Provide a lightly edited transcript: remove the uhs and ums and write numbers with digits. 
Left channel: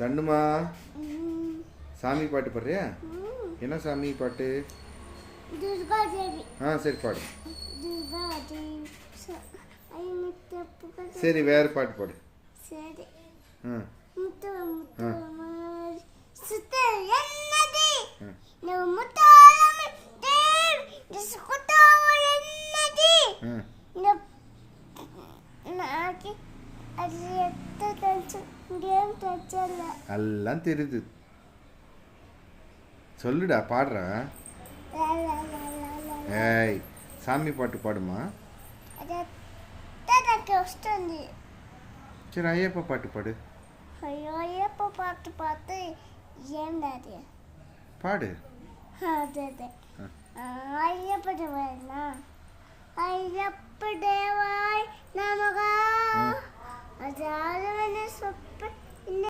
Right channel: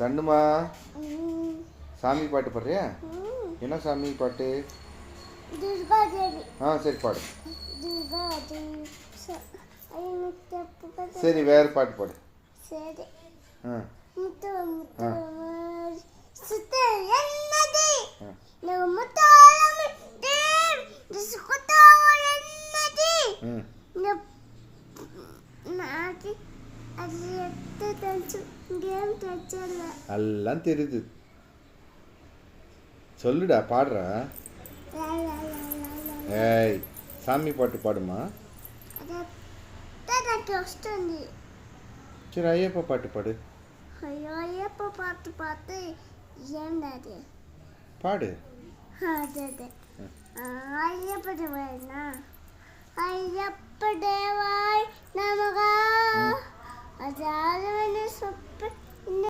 தண்ணுமா சாமி பாட்டு பாடுறியா? என்ன சாமி பாட்டு? சரி பாடு. சரி வேறு பாட்டு பாடு. சரி. எல்லாம் தெரியுது, சொல்லுடா பாடுற. ஏய் சாமி பாட்டு பாடுமா. சரி ஐயப்பா பாட்டு பாடு. ஐயப்பா பாட்டு பாட்டு என்னது பாடு. ஐயப்ப தேவாய்னா ஐயப்ப தேவாய் நமகா அஜாலவன